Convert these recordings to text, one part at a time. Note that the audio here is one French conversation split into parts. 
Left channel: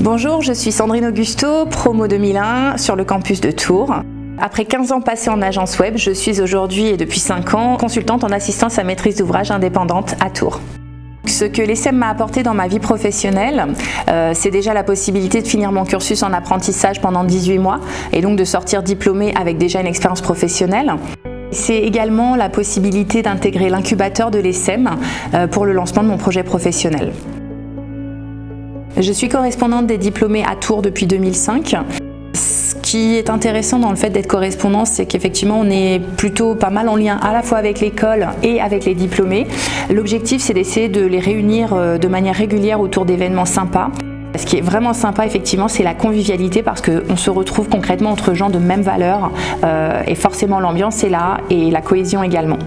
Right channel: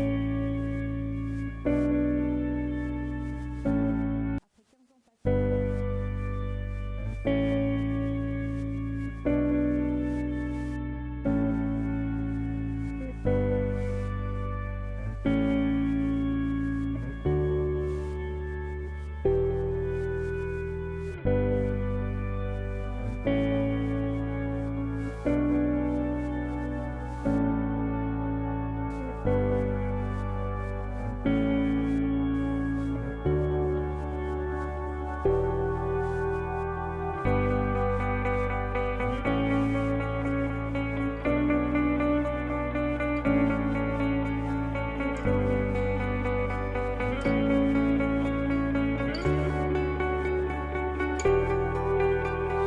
Bonjour, je suis Sandrine Augusto, promo 2001 sur le campus de Tours. Après 15 ans passés en agence web, je suis aujourd'hui et depuis 5 ans consultante en assistance à maîtrise d'ouvrage indépendante à Tours. Ce que l'ESSEM m'a apporté dans ma vie professionnelle, c'est déjà la possibilité de finir mon cursus en apprentissage pendant 18 mois et donc de sortir diplômée avec déjà une expérience professionnelle. C'est également la possibilité d'intégrer l'incubateur de l'ESSEM pour le lancement de mon projet professionnel. Je suis correspondante des diplômés à Tours depuis 2005. Ce qui est intéressant dans le fait d'être correspondante, c'est qu'effectivement on est plutôt pas mal en lien à la fois avec l'école et avec les diplômés. L'objectif, c'est d'essayer de les réunir de manière régulière autour d'événements sympas. Ce qui est vraiment sympa, effectivement, c'est la convivialité parce qu'on se retrouve concrètement entre gens de même valeur et forcément l'ambiance est là et la cohésion également.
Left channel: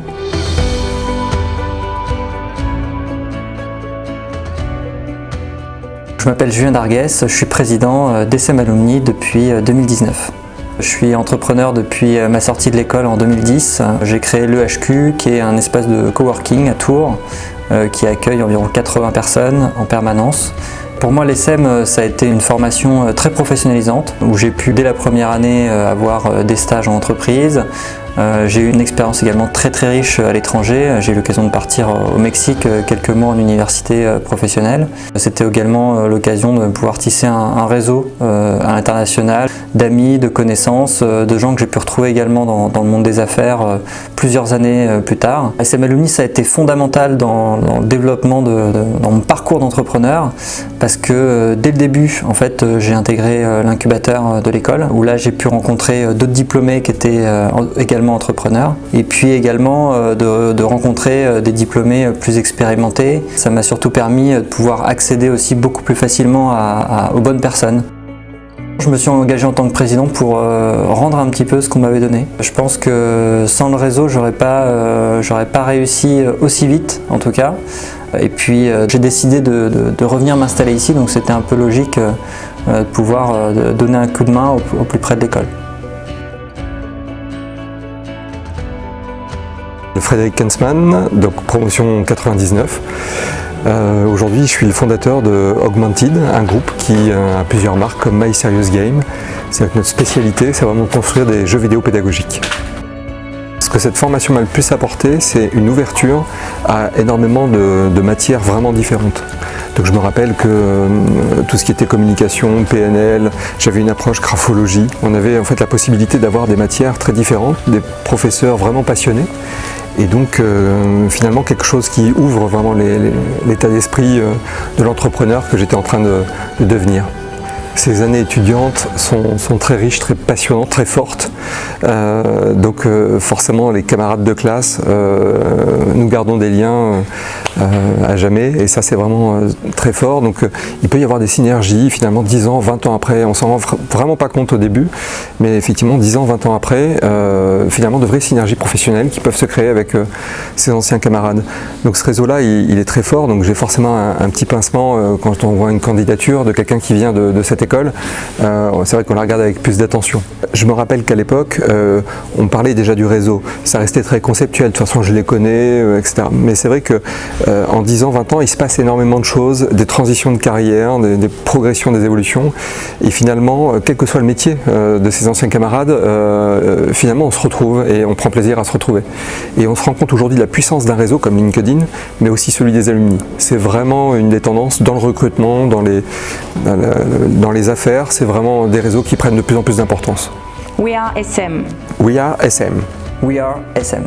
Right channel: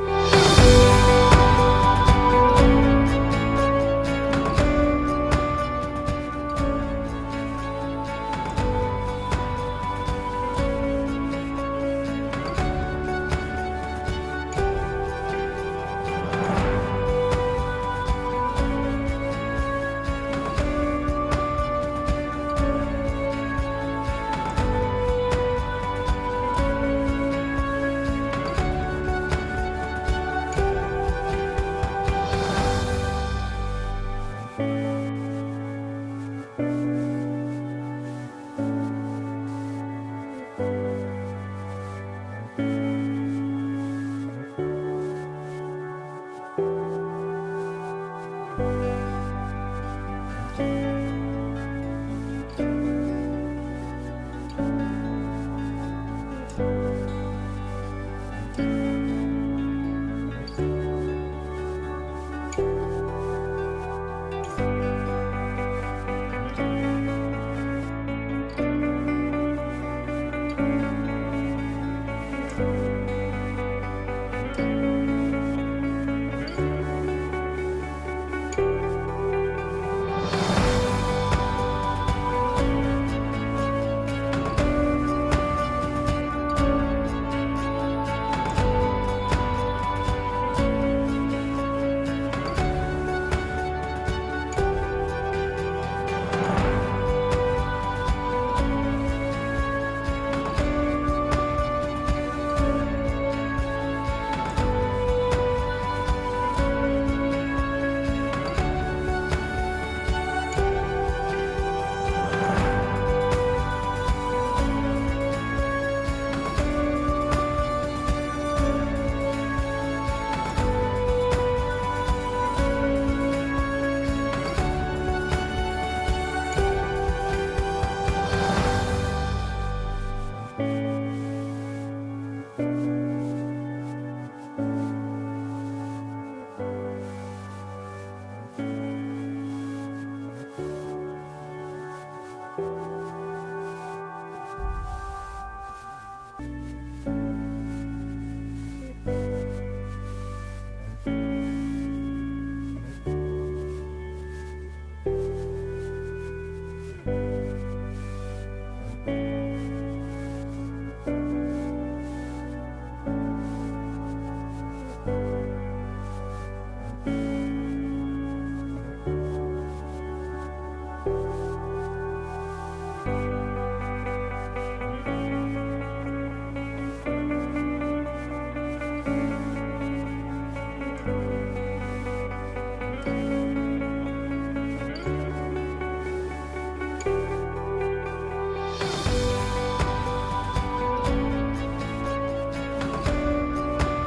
Je m'appelle Julien Darguès, je suis président d'ESSEM Alumni depuis 2019. Je suis entrepreneur depuis ma sortie de l'école en 2010. J'ai créé l'EHQ qui est un espace de coworking à Tours qui accueille environ 80 personnes en permanence. Pour moi, l'ESSEM, ça a été une formation très professionnalisante où j'ai pu dès la première année avoir des stages en entreprise. J'ai eu une expérience également très riche à l'étranger. J'ai eu l'occasion de partir au Mexique quelques mois en université professionnelle. C'était également l'occasion de pouvoir tisser un réseau à l'international d'amis, de connaissances, de gens que j'ai pu retrouver également dans le monde des affaires plusieurs années plus tard. ESSEM Alumni, ça a été fondamental dans le développement dans mon parcours d'entrepreneur parce que dès le début, en fait, j'ai intégré l'incubateur de l'école où là j'ai pu rencontrer d'autres diplômés qui étaient également entrepreneurs et puis également de rencontrer des diplômés plus expérimentés. Ça m'a surtout permis de pouvoir accéder aussi beaucoup plus facilement aux bonnes personnes. Je me suis engagé en tant que président pour rendre un petit peu ce qu'on m'avait donné. Je pense que sans le réseau, j'aurais pas réussi aussi vite en tout cas. Et puis j'ai décidé de revenir m'installer ici, donc c'était un peu logique de pouvoir donner un coup de main au plus près de l'école. Frédéric Kensman, donc promotion 99. Aujourd'hui, je suis le fondateur de Augmented, un groupe qui a plusieurs marques comme My Serious Game. C'est notre spécialité, c'est vraiment de construire des jeux vidéo pédagogiques. Ce que cette formation m'a le plus apporté, c'est une ouverture à énormément de matières vraiment différentes. Donc je me rappelle que tout ce qui était communication, PNL, j'avais une approche graphologie. On avait en fait la possibilité d'avoir des matières très différentes, des professeurs vraiment passionnés. Et donc finalement quelque chose qui ouvre vraiment l'état d'esprit de l'entrepreneur que j'étais en train de devenir. Ces années étudiantes sont très riches, très passionnantes, très fortes. Donc forcément les camarades de classe, nous gardons des liens à jamais et ça c'est vraiment très fort. Donc il peut y avoir des synergies finalement 10 ans, 20 ans après, on s'en rend vraiment pas compte au début, mais effectivement 10 ans, 20 ans après, finalement de vraies synergies professionnelles qui peuvent se créer avec ses anciens camarades. Donc ce réseau-là il est très fort, donc j'ai forcément un petit pincement quand on voit une candidature de quelqu'un qui vient de cette école. C'est vrai qu'on la regarde avec plus d'attention. Je me rappelle qu'à l'époque, on parlait déjà du réseau. Ça restait très conceptuel, de toute façon je les connais, etc. Mais c'est vrai que en 10 ans, 20 ans, il se passe énormément de choses, des transitions de carrière, des progressions, des évolutions. Et finalement, quel que soit le métier de ses anciens camarades, finalement on se retrouve et on prend plaisir à se retrouver. Et on se rend compte aujourd'hui de la puissance d'un réseau comme LinkedIn, mais aussi celui des alumni. C'est vraiment une des tendances dans le recrutement, dans les affaires, c'est vraiment des réseaux qui prennent de plus en plus d'importance. We are ESSEM. We are ESSEM. We are ESSEM.